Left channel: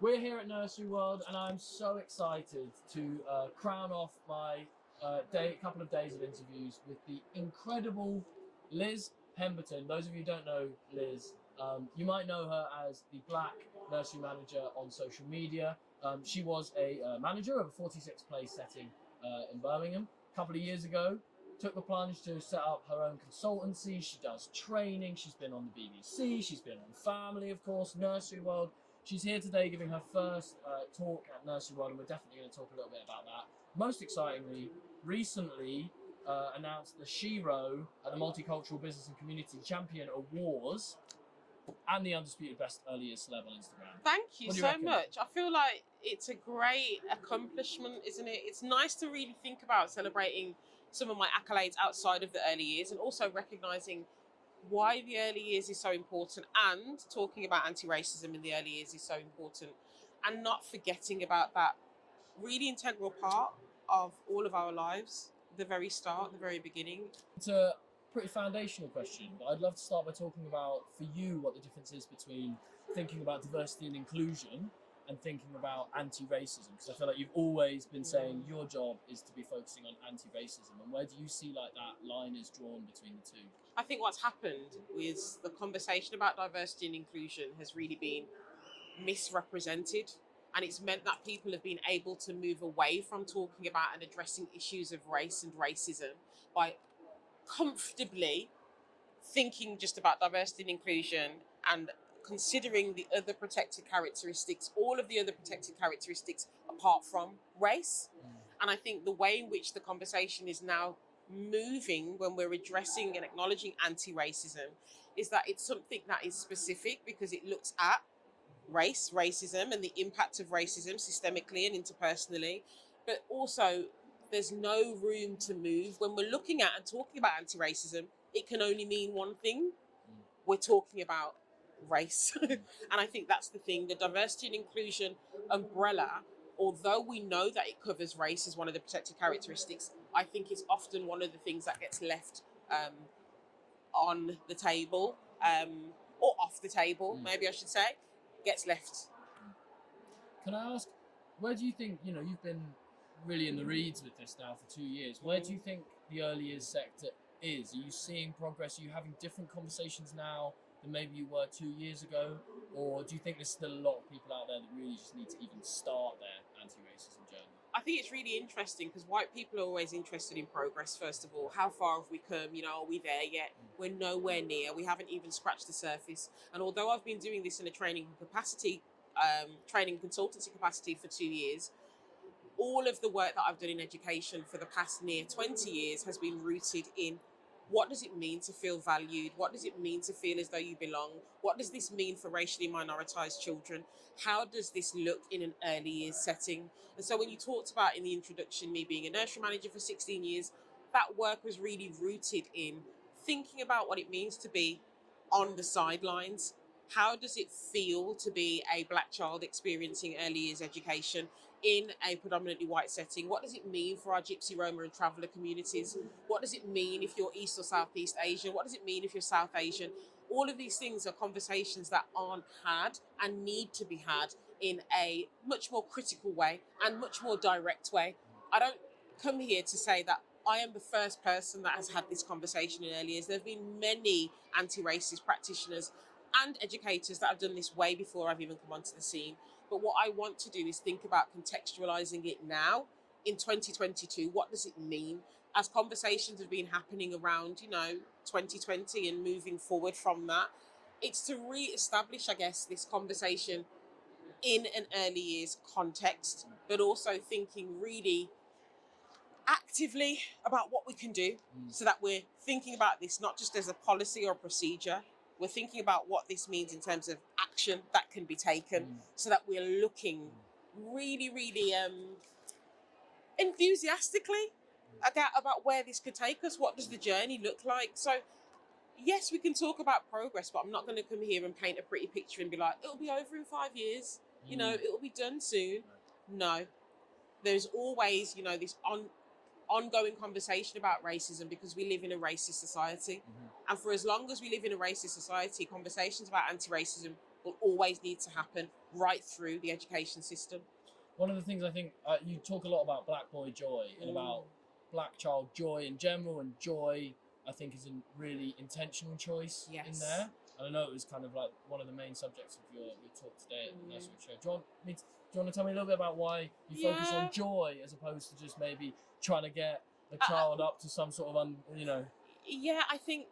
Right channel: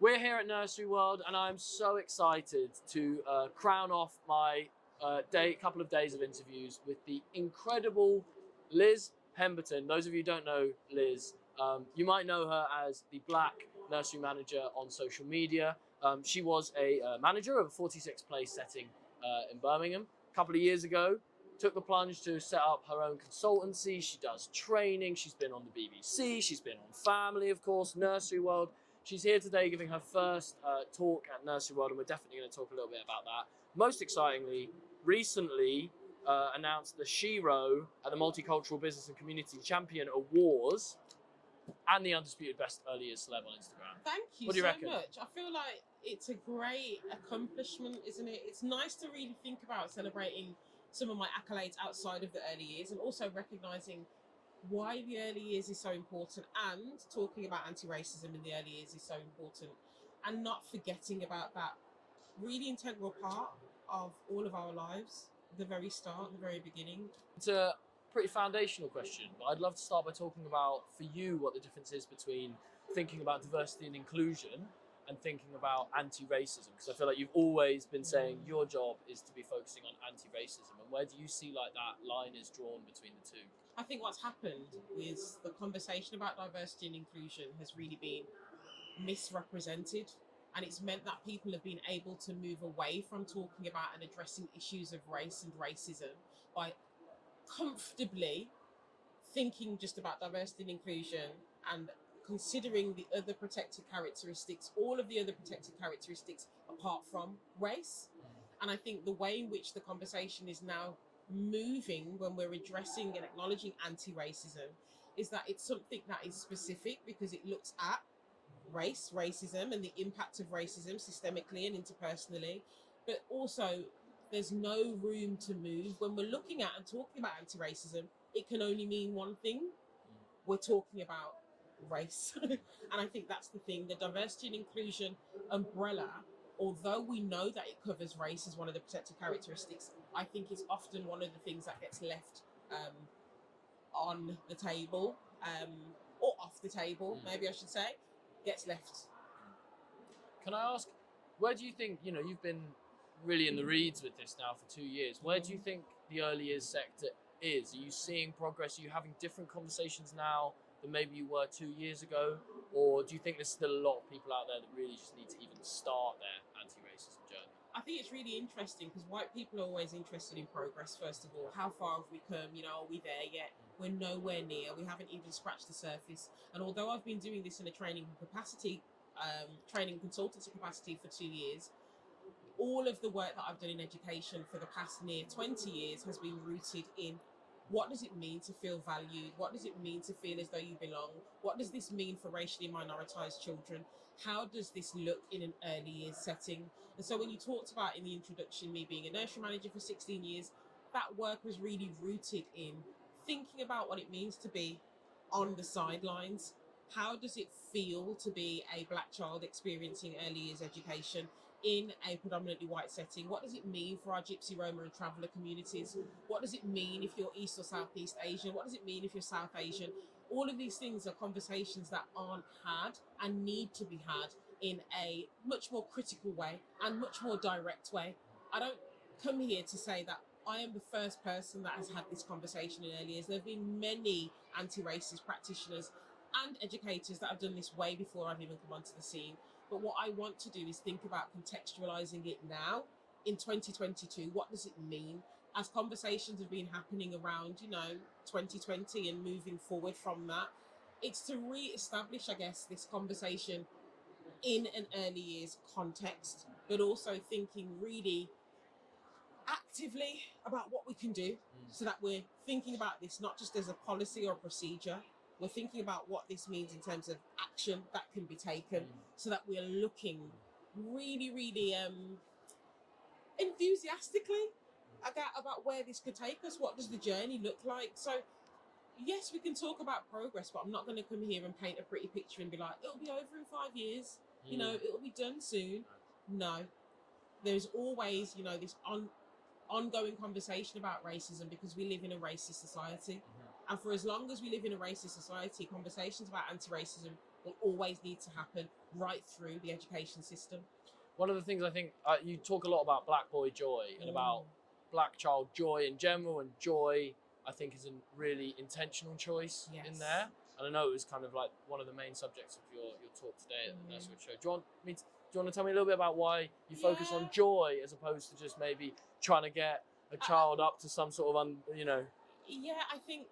We're here at Nursery World, and I'm so excited to crown off my couple of days of interviews with the incredible Liz Pemberton. Those of you who don't know Liz, you might know her as the Black Nursery Manager on social media. She was a manager of a 46 place setting in Birmingham a couple of years ago. Took the plunge to set up her own consultancy. She does training. She's been on the BBC. She's been on Family, of course, Nursery World. She's here today giving her first talk at Nursery World, and we're definitely going to talk a little bit about that. Most excitingly, recently announced the Shiro at the Multicultural Business and Community Champion Awards and the Undisputed Best Early Years Celeb on Instagram. Thank you What do you so reckon? much. I feel like it's a great accomplishment, isn't it? It's nice to really think about celebrating some of my accolades outside of the early years and also recognising why the early years is so important, and talking about anti-racism in the early years is so important, and not forgetting about that really integral part of all of our lives, the very start, the very beginning. It's a pretty foundational question, but I'd love to start by talking about, for you, what the difference is between thinking about diversity and inclusion and thinking about anti-racism, because I feel like you've always been saying your job is to be focusing on anti-racism, and where do you see like that line is drawn between the two? I think what's happened is the conversation about diversity and inclusion has really been misrepresented, and it's meant that people have been able to move away from talking about and addressing issues of race and racism by comfortably thinking just about diversity and inclusion and considering the other protected characteristics, all of the other protected characteristics apart from race. And I think the way in which the conversation is now moving when we're addressing and acknowledging anti-racism is that it's something that is specific because it looks at racism and the impact of racism systemically and interpersonally, but also there's no room to move. When we're looking at and talking about anti-racism, it can only mean one thing. We're talking about race. And I think that's the thing. The diversity and inclusion umbrella, although we know that it covers race as one of the protected characteristics, I think it's often one of the things that gets left on the table, or off the table, maybe I should say, gets left. Can I ask, where do you think, you've been really in the reeds with this now for 2 years, where do you think the early years sector is? Are you seeing progress? Are you having different conversations now than maybe you were 2 years ago? Or do you think there's still a lot of people out there that really just need to even start their anti-racism journey? I think it's really interesting because white people are always interested in progress, first of all. How far have we come? Are we there yet? We're nowhere near. We haven't even scratched the surface. And although I've been doing this in a training consultancy capacity for 2 years, all of the work that I've done in education for the past near 20 years has been rooted in what does it mean to feel valued? What does it mean to feel as though you belong? What does this mean for racially minoritized children? How does this look in an early years setting? And so when you talked about in the introduction, me being a nursery manager for 16 years, that work was really rooted in thinking about what it means to be on the sidelines. How does it feel to be a Black child experiencing early years education in a predominantly white setting? What does it mean for our Gypsy, Roma and Traveller communities? What does it mean if you're East or Southeast Asian? What does it mean if you're South Asian? All of these things are conversations that aren't had and need to be had in a much more critical way and much more direct way. I don't come here to say that I am the first person that has had this conversation in early years. There have been many anti-racist practitioners and educators that have done this way before I've even come onto the scene. But what I want to do is think about contextualizing it now in 2022. What does it mean? As conversations have been happening around, 2020 and moving forward from that, it's to re-establish, I guess, this conversation in an early years context, but also thinking really actively about what we can do so that we're thinking about this not just as a policy or procedure. We're thinking about what this means in terms of action that can be taken so that we're looking really, really enthusiastically about where this could take us. What does the journey look like? So, yes, we can talk about progress, but I'm not going to come here and paint a pretty picture and be like, it'll be over in 5 years, it'll be done soon. No, there's always, this ongoing conversation about racism because we live in a racist society. And for as long as we live in a racist society, conversations about anti-racism will always need to happen right through the education system. One of the things I think you talk a lot about black boy joy and about black child joy in general, and joy I think is a really intentional choice in there. And I know it was kind of like one of the main subjects of your talk today at the Nursery World Show. Do you want to tell me a little bit about why you focus on joy as opposed to just maybe trying to get a child up to some sort of Yeah, I think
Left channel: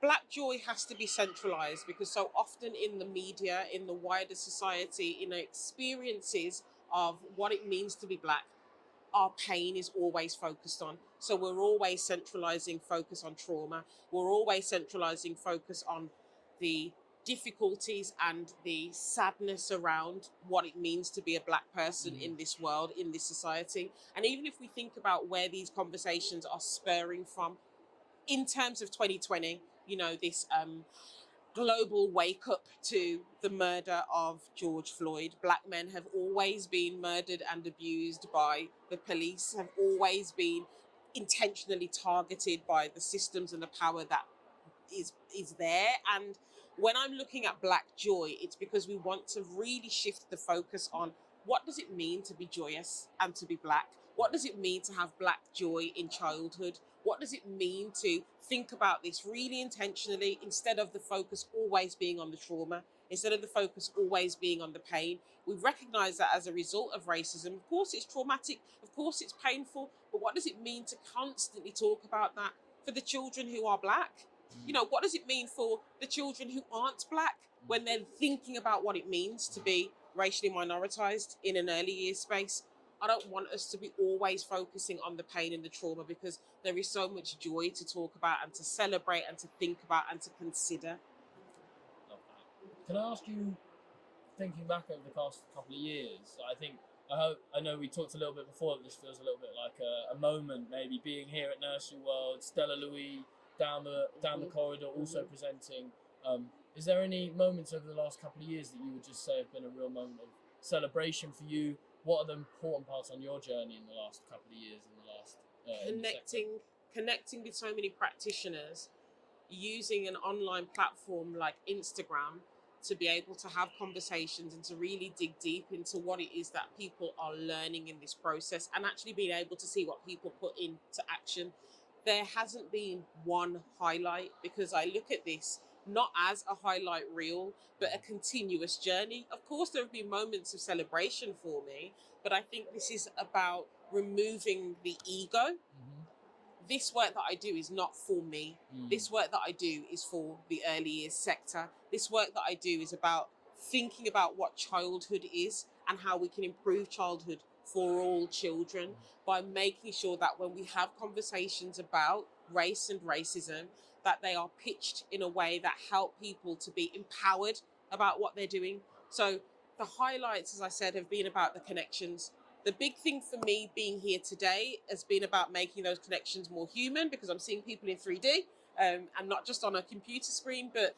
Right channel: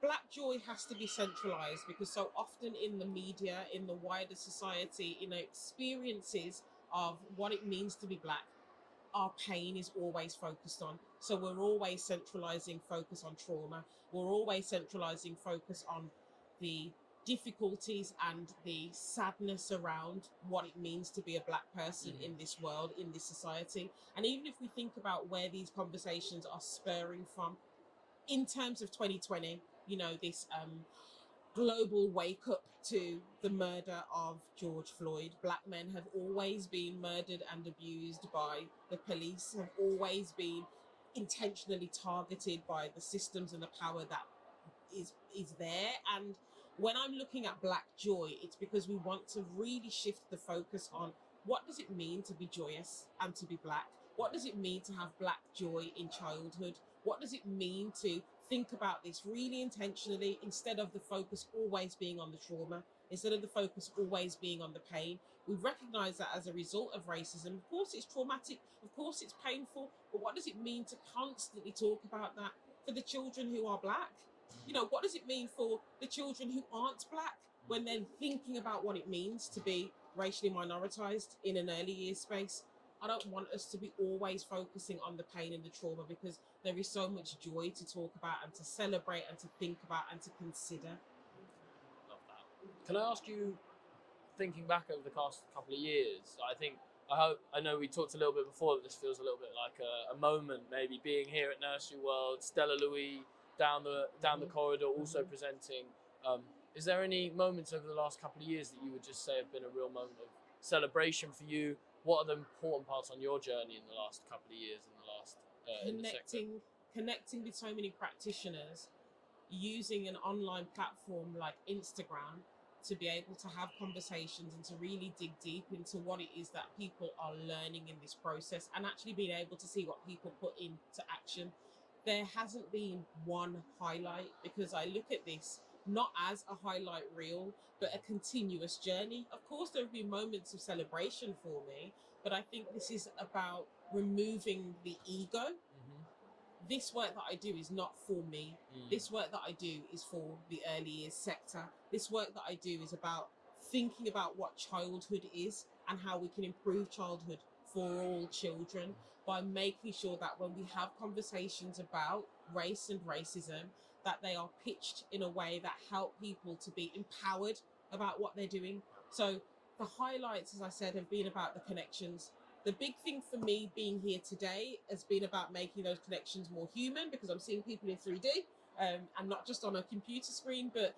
black joy has to be centralized, because so often in the media, in the wider society, experiences of what it means to be black, our pain is always focused on. So we're always centralizing focus on trauma. We're always centralizing focus on the difficulties and the sadness around what it means to be a black person in this world, in this society. And even if we think about where these conversations are spurring from, in terms of 2020, this global wake up to the murder of George Floyd. Black men have always been murdered and abused by the police, have always been intentionally targeted by the systems and the power that is there. And when I'm looking at black joy, it's because we want to really shift the focus on what does it mean to be joyous and to be black? What does it mean to have black joy in childhood? What does it mean to think about this really intentionally, instead of the focus always being on the trauma, instead of the focus always being on the pain? We recognize that as a result of racism, of course it's traumatic, of course it's painful, but what does it mean to constantly talk about that for the children who are black? What does it mean for the children who aren't black when they're thinking about what it means to be racially minoritized in an early years space? I don't want us to be always focusing on the pain and the trauma, because there is so much joy to talk about and to celebrate and to think about and to consider. Love that. Can I ask you, thinking back over the past couple of years, I know we talked a little bit before that this feels a little bit like a moment, maybe being here at Nursery World, Stella Louis down the corridor also presenting. Is there any moments over the last couple of years that you would just say have been a real moment of celebration for you? What are the important parts on your journey in the last couple of years, in the last connecting with so many practitioners, using an online platform like Instagram to be able to have conversations and to really dig deep into what it is that people are learning in this process, and actually being able to see what people put into action. There hasn't been one highlight, because I look at this not as a highlight reel, but a continuous journey. Of course, there have been moments of celebration for me, but I think this is about removing the ego. This work that I do is not for me. This work that I do is for the early years sector. This work that I do is about thinking about what childhood is and how we can improve childhood for all children, by making sure that when we have conversations about race and racism, that they are pitched in a way that help people to be empowered about what they're doing. So the highlights, as I said, have been about the connections. The big thing for me being here today has been about making those connections more human, because I'm seeing people in 3D and not just on a computer screen. But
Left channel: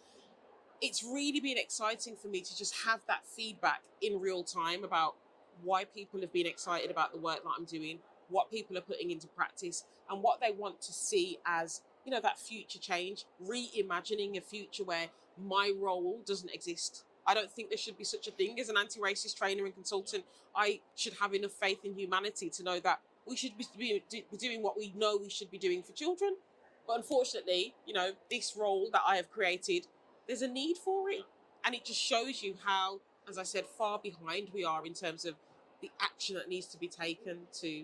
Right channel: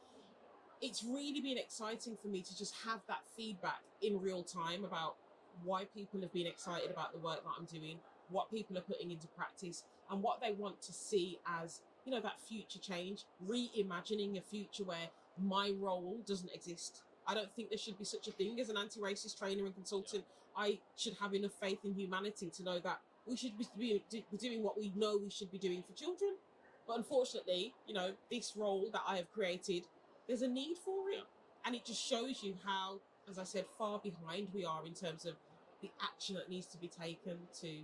it's really been exciting for me to just have that feedback in real time about why people have been excited about the work that I'm doing, what people are putting into practice, and what they want to see as, that future change, reimagining a future where my role doesn't exist. I don't think there should be such a thing as an anti-racist trainer and consultant. I should have enough faith in humanity to know that we should be doing what we know we should be doing for children. But unfortunately, this role that I have created, there's a need for it. And it just shows you how, as I said, far behind we are in terms of the action that needs to be taken to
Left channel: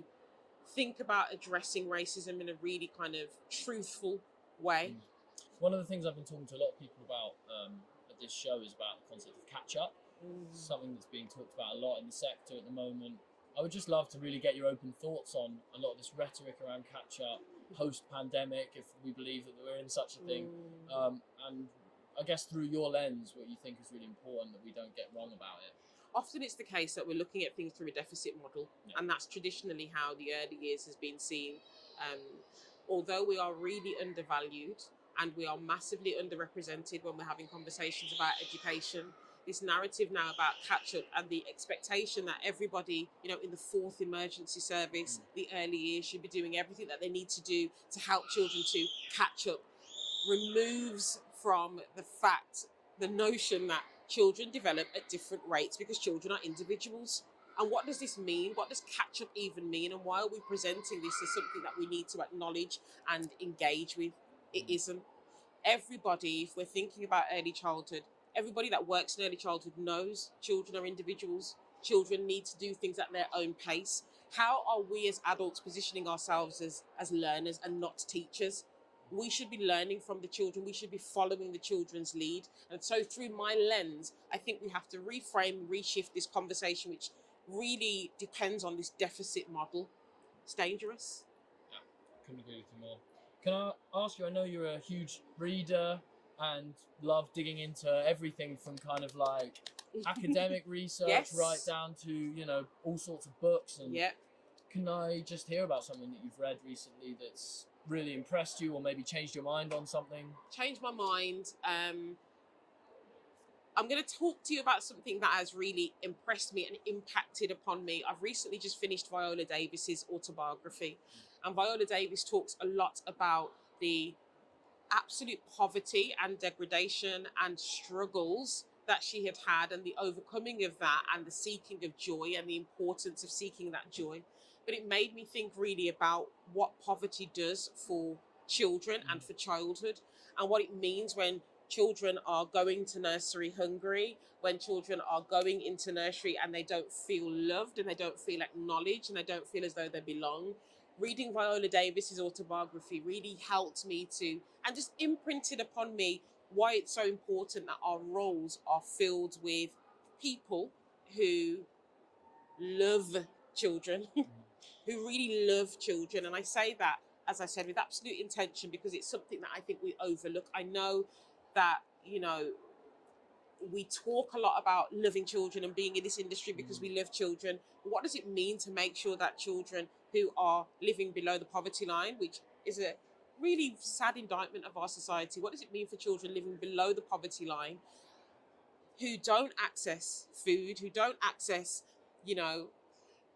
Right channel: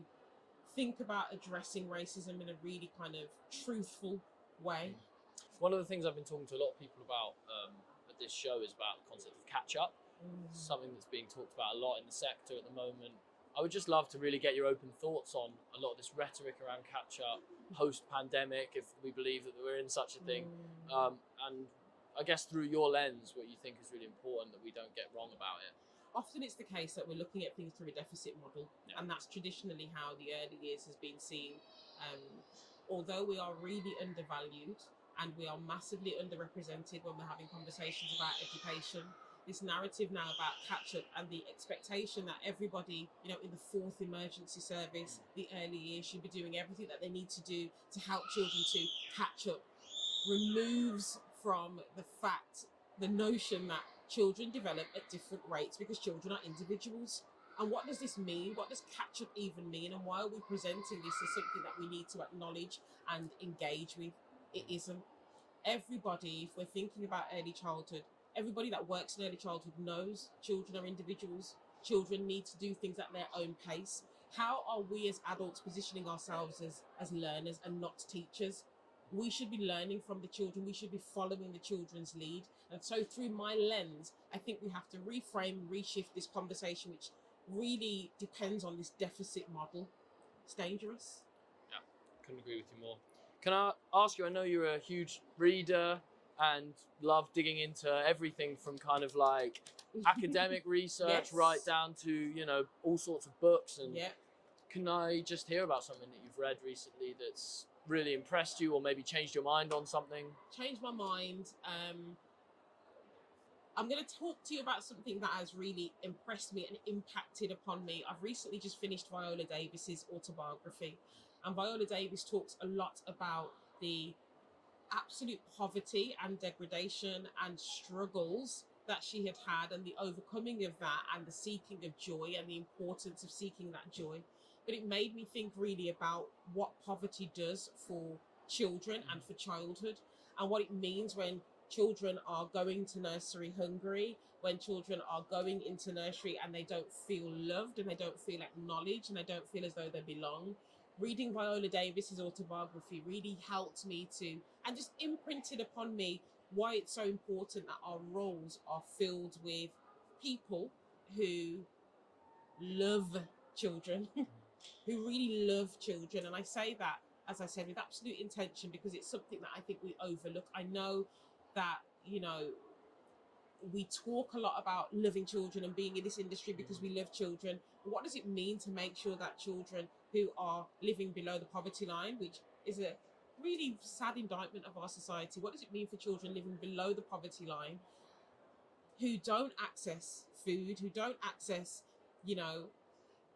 think about addressing racism in a really kind of truthful way. One of the things I've been talking to a lot of people about at this show is about the concept of catch-up. Something that's being talked about a lot in the sector at the moment. I would just love to really get your open thoughts on a lot of this rhetoric around catch-up post-pandemic, if we believe that we're in such a thing. And I guess through your lens, what you think is really important that we don't get wrong about it. Often it's the case that we're looking at things through a deficit model, and that's traditionally how the early years has been seen. Although we are really undervalued and we are massively underrepresented when we're having conversations about education, this narrative now about catch-up and the expectation that everybody, in the fourth emergency service, the early years, should be doing everything that they need to do to help children to catch up, removes from the notion that children develop at different rates because children are individuals. And what does this mean? What does catch up even mean? And why are we presenting this as something that we need to acknowledge and engage with? It isn't. Everybody, if we're thinking about early childhood, everybody that works in early childhood knows children are individuals. Children need to do things at their own pace. How are we as adults positioning ourselves as learners and not teachers? We should be learning from the children. We should be following the children's lead. And so through my lens, I think we have to reframe, reshift this conversation, which really depends on this deficit model. It's dangerous. Yeah, couldn't agree with you more. Can I ask you, I know you're a huge reader and love digging into everything from kind of like academic research Yes. right down to, all sorts of books. And Yeah. can I just hear about something that you've read recently that's really impressed you or maybe changed your mind on something? Changed my mind. I'm going to talk to you about something that has really impressed me and impacted upon me. I've recently just finished Viola Davis's autobiography. And Viola Davis talks a lot about the absolute poverty and degradation and struggles that she had and the overcoming of that and the seeking of joy and the importance of seeking that joy. But it made me think really about what poverty does for children and for childhood, and what it means when children are going to nursery hungry, when children are going into nursery and they don't feel loved and they don't feel acknowledged and they don't feel as though they belong. Reading Viola Davis's autobiography really helped me to, and just imprinted upon me, why it's so important that our roles are filled with people who love children, who really love children. And I say that, as I said, with absolute intention, because it's something that I think we overlook. I know that, we talk a lot about loving children and being in this industry because we love children. But what does it mean to make sure that children who are living below the poverty line, which is a really sad indictment of our society, what does it mean for children living below the poverty line who don't access food, who don't access,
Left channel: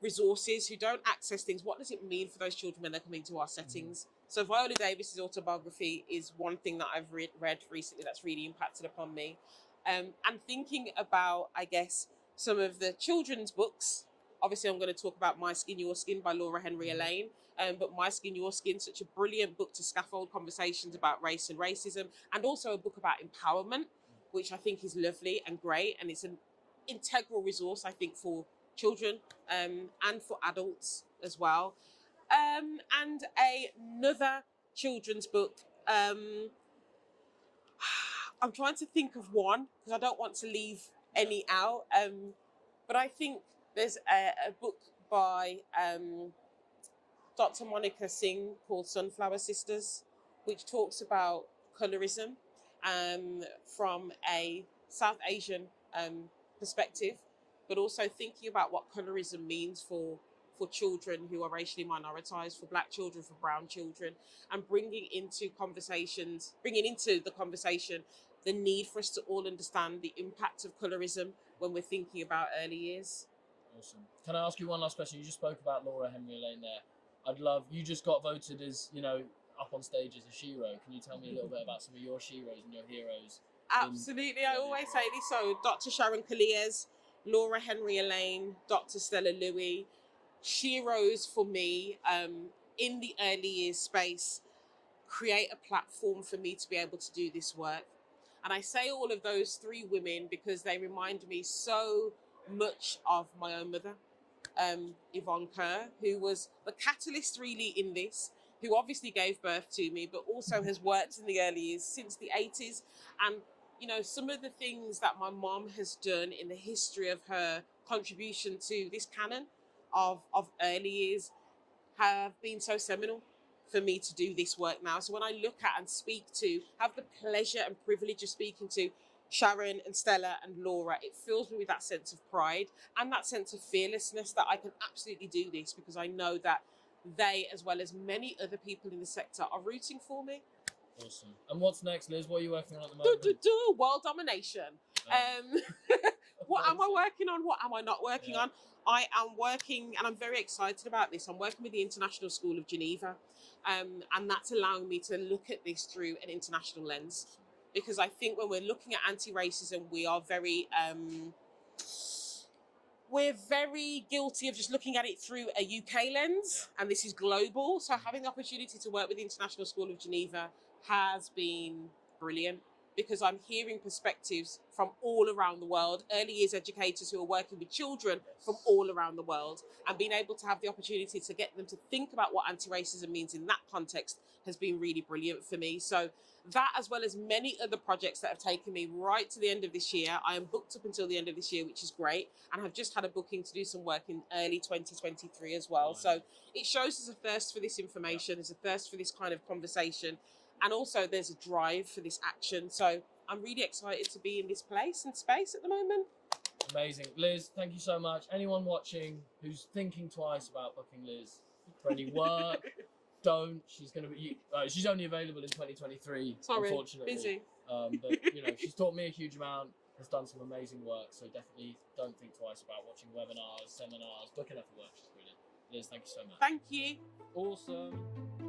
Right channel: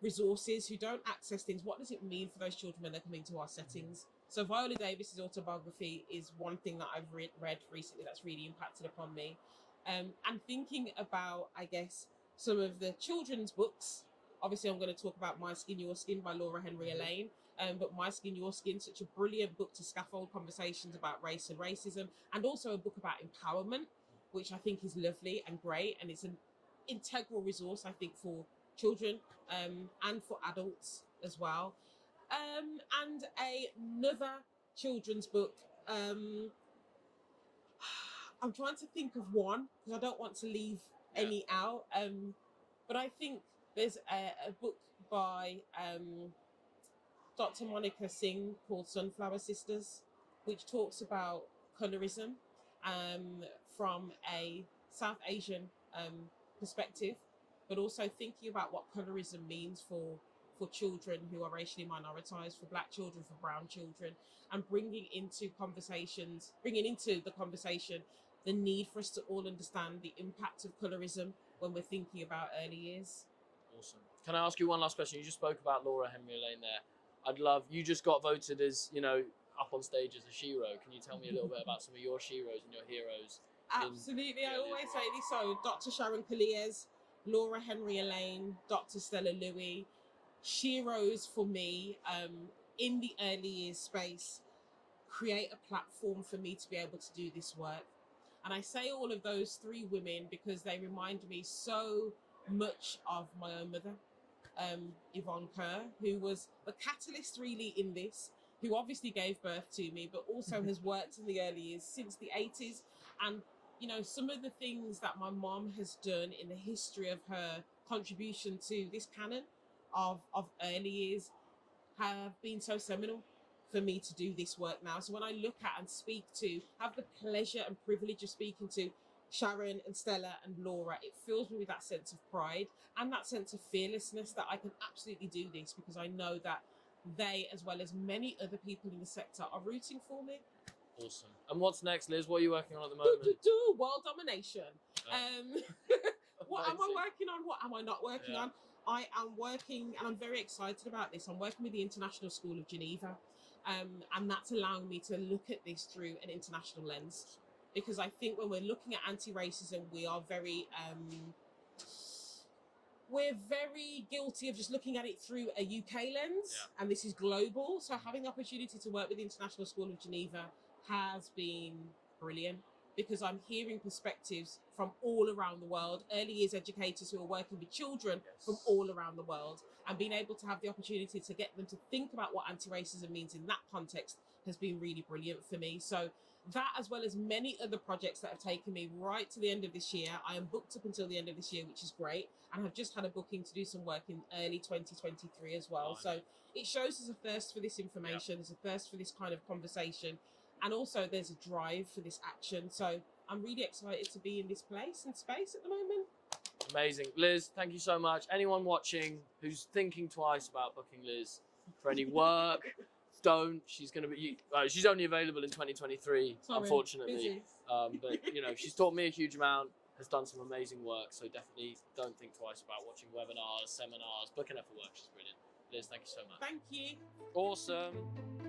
resources, who don't access things? What does it mean for those children when they're coming to our settings? So Viola Davis's autobiography is one thing that I've read recently that's really impacted upon me. And thinking about, I guess, some of the children's books. Obviously, I'm going to talk about My Skin, Your Skin by Laura Henry Elaine. But My Skin, Your Skin, such a brilliant book to scaffold conversations about race and racism, and also a book about empowerment, which I think is lovely and great. And it's an integral resource, I think, for children and for adults as well. And another children's book. I'm trying to think of one because I don't want to leave any out. But I think there's a book by Dr. Monica Singh called Sunflower Sisters, which talks about colorism from a South Asian perspective, but also thinking about what colorism means for children who are racially minoritized, for Black children, for brown children, and bringing into the conversation the need for us to all understand the impact of colorism when we're thinking about early years. Awesome. Can I ask you one last question? You just spoke about Laura Henry Elaine there. You just got voted as, up on stage as a shero. Can you tell me a little bit about some of your sheroes and your heroes? Absolutely. I always say this. So Dr. Sharon Colliers, Laura Henry Elaine, Dr. Stella Louis, sheroes for me in the early years space create a platform for me to be able to do this work. And I say all of those three women because they remind me so much of my own mother, Yvonne Kerr, who was the catalyst really in this, who obviously gave birth to me, but also has worked in the early years since the 80s. And, some of the things that my mom has done in the history of her contribution to this canon of early years have been so seminal for me to do this work now. So when I look at and have the pleasure and privilege of speaking to Sharon and Stella and Laura, it fills me with that sense of pride and that sense of fearlessness that I can absolutely do this because I know that they, as well as many other people in the sector, are rooting for me. Awesome. And what's next, Liz? What are you working on at the moment? World domination. What am I working on? What am I not working on? I am working, and I'm very excited about this. I'm working with the International School of Geneva, and that's allowing me to look at this through an international lens. because I think when we're looking at anti-racism, we are very we're very guilty of just looking at it through a UK lens, and this is global. So having the opportunity to work with the International School of Geneva has been brilliant, because I'm hearing perspectives from all around the world, early years educators who are working with children from all around the world, and being able to have the opportunity to get them to think about what anti-racism means in that context has been really brilliant for me. So that, as well as many other projects that have taken me right to the end of this year. I am booked up until the end of this year, which is great, and have just had a booking to do some work in early 2023 as well. Nice. So it shows there's a thirst for this information, there's a thirst for this kind of conversation, and also there's a drive for this action. So I'm really excited to be in this place and space at the moment. Amazing. Liz, thank you so much. Anyone watching who's thinking twice about booking Liz for any work, don't. She's going to be, she's only available in 2023, sorry, unfortunately. Busy. But, you know, she's taught me a huge amount, has done some amazing work. So definitely don't think twice about watching webinars, seminars, booking her for work. She's brilliant. Liz, thank you so much. Thank you. Awesome.